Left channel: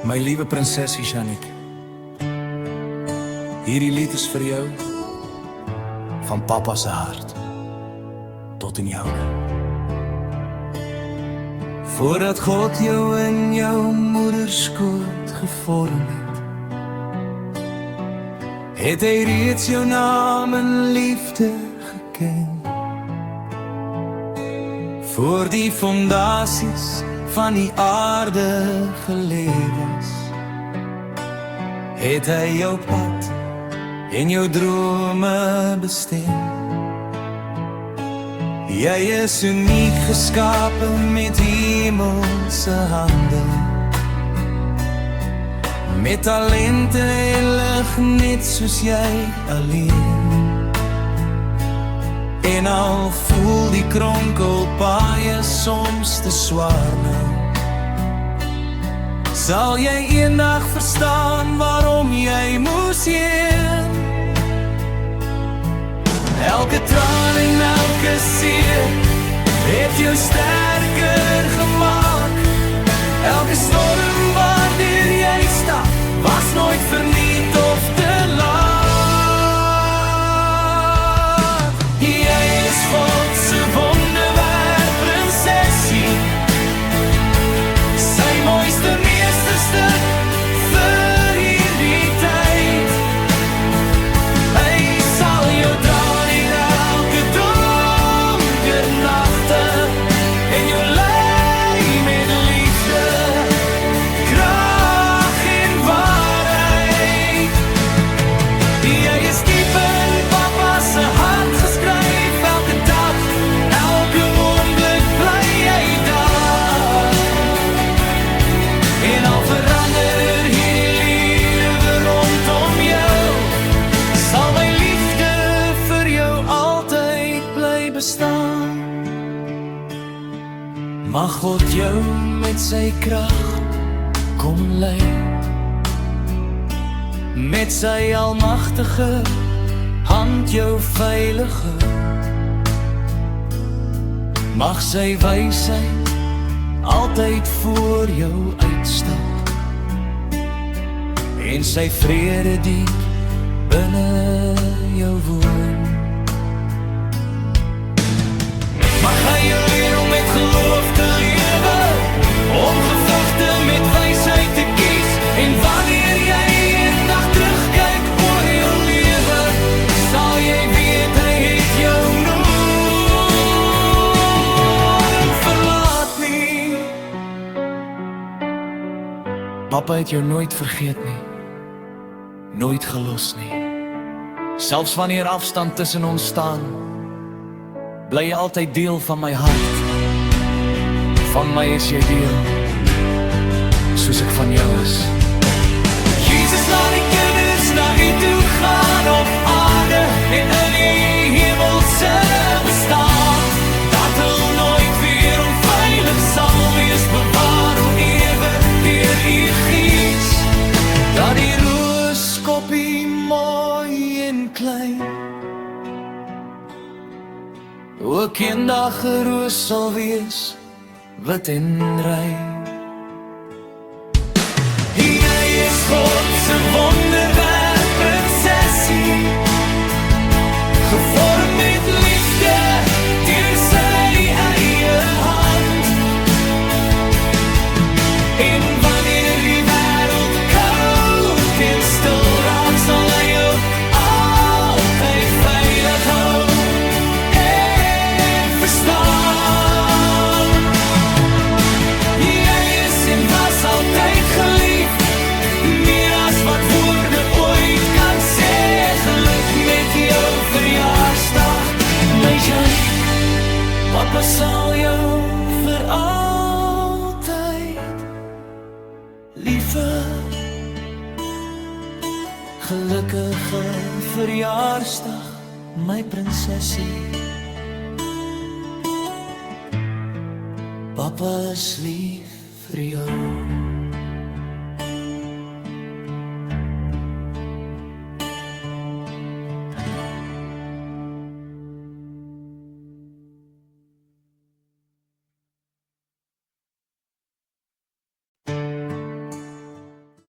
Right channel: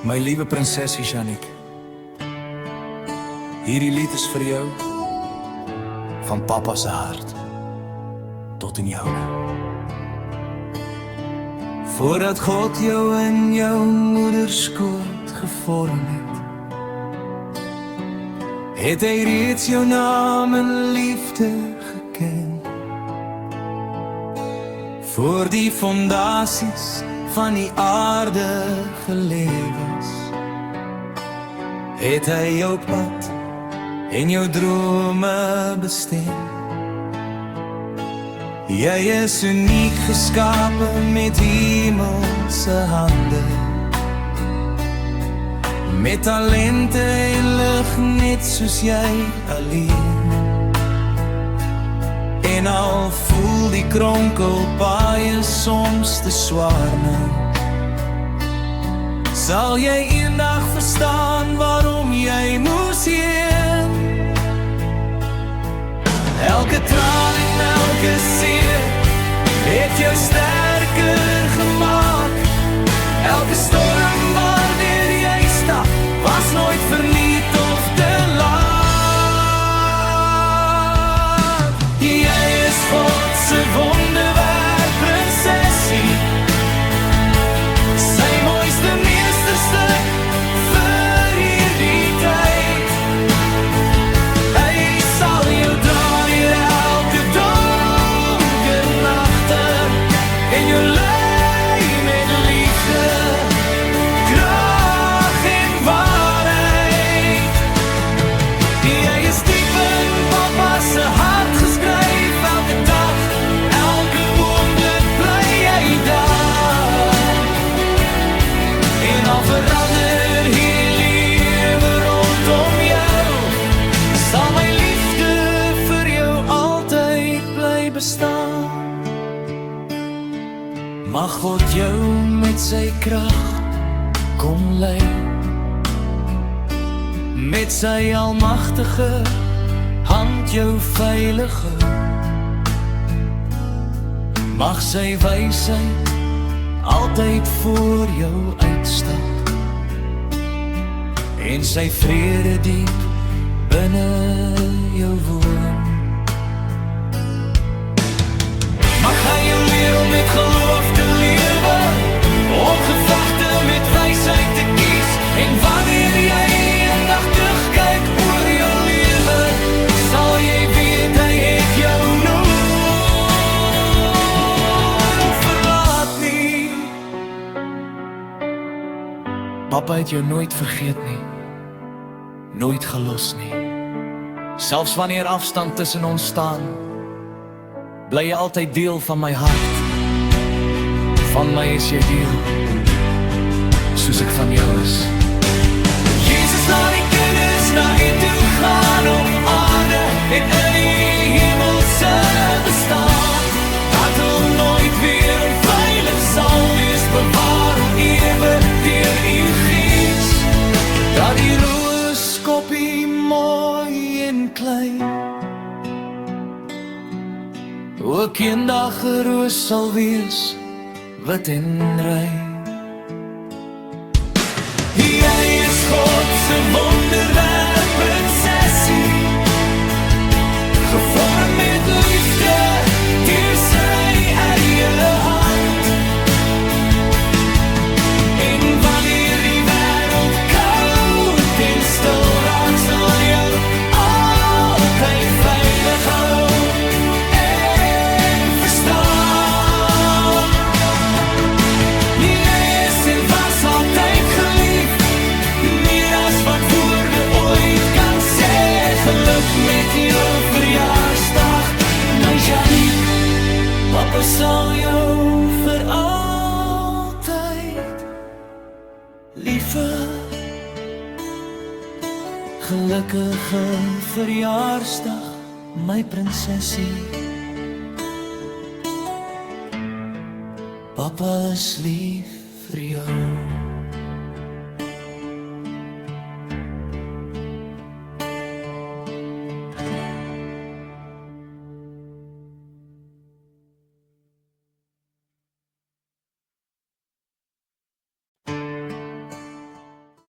My liewe prinsesie Janik, hierdie lied is vir jou, van papa se hart, tot in joune. Voordat God jou in jou moederskoot gevorm het hy reeds jou naam en liefde geken. Voor die fondasies van die aarde gelê was, het hy jou pad en jou drome bestem. Jy is uniek geskape met hemelse hande, met talente en lig net soos jy alleen. En al voel die kronkelpaaie soms te swaar nou, sal jy eendag verstaan waarom jy moes heen. Elke traan en elke seer het jou sterker gemaak. Elke storm waardeur jy stap was nooit verniet of te laat. Jy is God se wonderwerk prinsesie, sy mooiste meesterstuk vir hierdie tyd. Hy sal jou dra deur elke donker nagte en jou lei met liefde, krag en waarheid. Jy is diep in papa se hart geskryf, elke dag, elke oomblik bly jy daar. En al verander hierdie lewe rondom jou, sal my liefde vir jou altyd bly bestaan. Mag God jou met sy krag kom lei, met sy almagtige hand jou veilige. Mag sy wysheid altyd voor jou uitstap, en sy vrede diep binne jou woon. Mag hy jou leer om met geloof te lewe, om gevegte met wysheid te kies, en wanneer jy eendag terugkyk oor jou lewe, sal jy weet hy het jou nooit verlaat nie. Papa het jou nooit vergeet nie, nooit gelos nie. Selfs wanneer afstand tussen ons staan, bly jy altyd deel van my hart. Van my is jy deel, soos ek van jou is. Jesus, laat die kinders na u toe gaan op aarde en in die hemelse bestaan, dat hulle nooit weer onveilig sal wees, bewaar hoe ewe deur u gees, dat die rooskoppie mooi en klein ook eendag 'n roos sal wees, wit en rein. Jy is God se wonderwerk prinsesie, gevorm met liefde deur sy eie hand. En wanneer die wêreld koud en stil raak, sal hy jou altyd veilig hou. Altyd gelief, meer as wat woorde ooit kan sê. Geluk met jou verjaarsdag, my Janik. Papa sal jou vir altyd lief hê. Gelukkige verjaarsdag, my prinsesie. Papa is lief vir jou.